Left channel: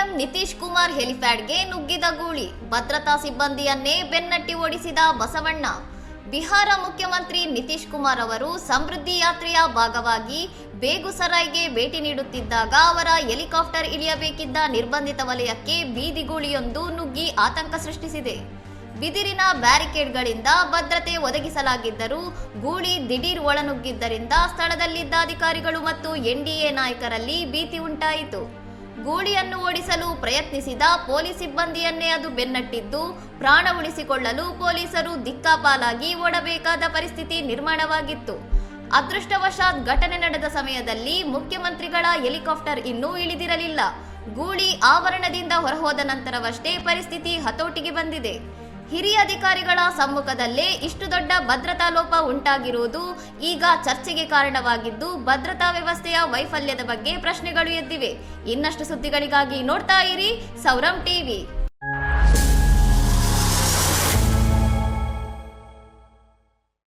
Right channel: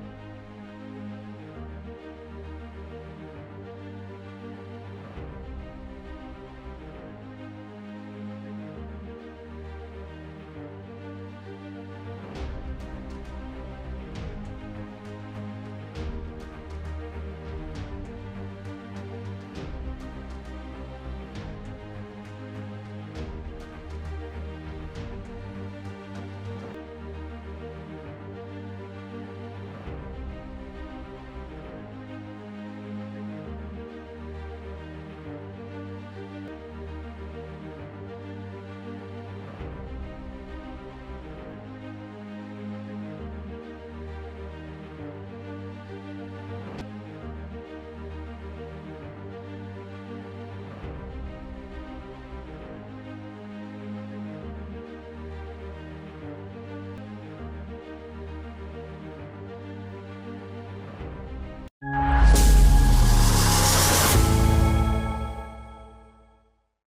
CM Nitish Kumar ಹೆಲಿಪ್ಯಾಡ್ಗೆ ನುಗ್ಗಿದ ಗೂಳಿ, ಭದ್ರತಾ ಸಿಬ್ಬಂದಿಯನ್ನೇ ಬೆನ್ನಟ್ಟಿ ಓಡಿಸಿದ ಬಸವಣ್ಣ. ಬಿಹಾರ ಮುಖ್ಯಮಂತ್ರಿ ನಿತೀಶ್ ಕುಮಾರ್ ಅವರು ಸಮೃದ್ಧಿ ಯಾತ್ರೆಯ ಭಾಗವಾಗಿ ಬೇಗುಸರಾಯ್ಗೆ ಭೇಟಿ ನೀಡುತ್ತಿದ್ದಾಗ ಅವರ ಹೆಲಿಕಾಪ್ಟರ್ ಇಳಿಯಬೇಕಿದ್ದ ನಿರ್ಬಂಧಿತ ವಲಯಕ್ಕೆ ಬೀದಿಗೂಳಿಯೊಂದು ನುಗ್ಗಿ ಆತಂಕ ಸೃಷ್ಟಿಸಿದೆ. ಬಿದಿರಿನ ಬ್ಯಾರಿಕೇಡ್ಗಳಿಂದ ಭದ್ರತೆ ಒದಗಿಸಲಾಗಿದ್ದರೂ ಗೂಳಿ ದಿಢೀರ್ ಒಳನುಗ್ಗಿದ್ದರಿಂದ ಸ್ಥಳದಲ್ಲಿದ್ದ ಅಧಿಕಾರಿಗಳು ಮತ್ತು ಎನ್ಡಿಎ ನಾಯಕರಲ್ಲಿ ಭೀತಿ ಉಂಟಾಯಿತು. ಗೂಳಿಯನ್ನು ಓಡಿಸಲು ಪ್ರಯತ್ನಿಸಿದ ಪೊಲೀಸ್ ಸಿಬ್ಬಂದಿಯನ್ನೇ ಅದು ಬೆನ್ನಟ್ಟಿದ್ದು, ಪ್ರಾಣ ಉಳಿಸಿಕೊಳ್ಳಲು ಪೊಲೀಸರು ದಿಕ್ಕಾಪಾಲಾಗಿ ಓಡಬೇಕಾದ ಪರಿಸ್ಥಿತಿ ನಿರ್ಮಾಣವಾಗಿತ್ತು. ಅದೃಷ್ಟವಶಾತ್ ಘಟನೆ ನಡೆದ ಸಮಯದಲ್ಲಿ ಮುಖ್ಯಮಂತ್ರಿಗಳ ಹೆಲಿಕಾಪ್ಟರ್ ಇನ್ನೂ ಇಳಿದಿರಲಿಲ್ಲ. ಗೂಳಿ ಆವರಣದಿಂದ ಹೊರಹೋದ ನಂತರವಷ್ಟೇ ಪರಿಸ್ಥಿತಿ ಹತೋಟಿಗೆ ಬಂದಿದೆ. ಹಿರಿಯ ಅಧಿಕಾರಿಗಳ ಸಮ್ಮುಖದಲ್ಲೇ ಇಷ್ಟು ದೊಡ್ಡ ಭದ್ರತಾ ಲೋಪ ಉಂಟಾಗಿರುವುದು ಈಗ ಚರ್ಚೆಗೆ ಕಾರಣವಾಗಿದ್ದು, ಭದ್ರತಾ ವ್ಯವಸ್ಥೆಯ ವೈಫಲ್ಯದ ಬಗ್ಗೆ ಪ್ರಶ್ನೆಗಳು ಎದ್ದಿವೆ. ಇನ್ನಷ್ಟು ಸುದ್ದಿಗಳಿಗಾಗಿ ನೋಡ್ತಾ ಇರಿ ಸೌರಂ ಟಿವಿ.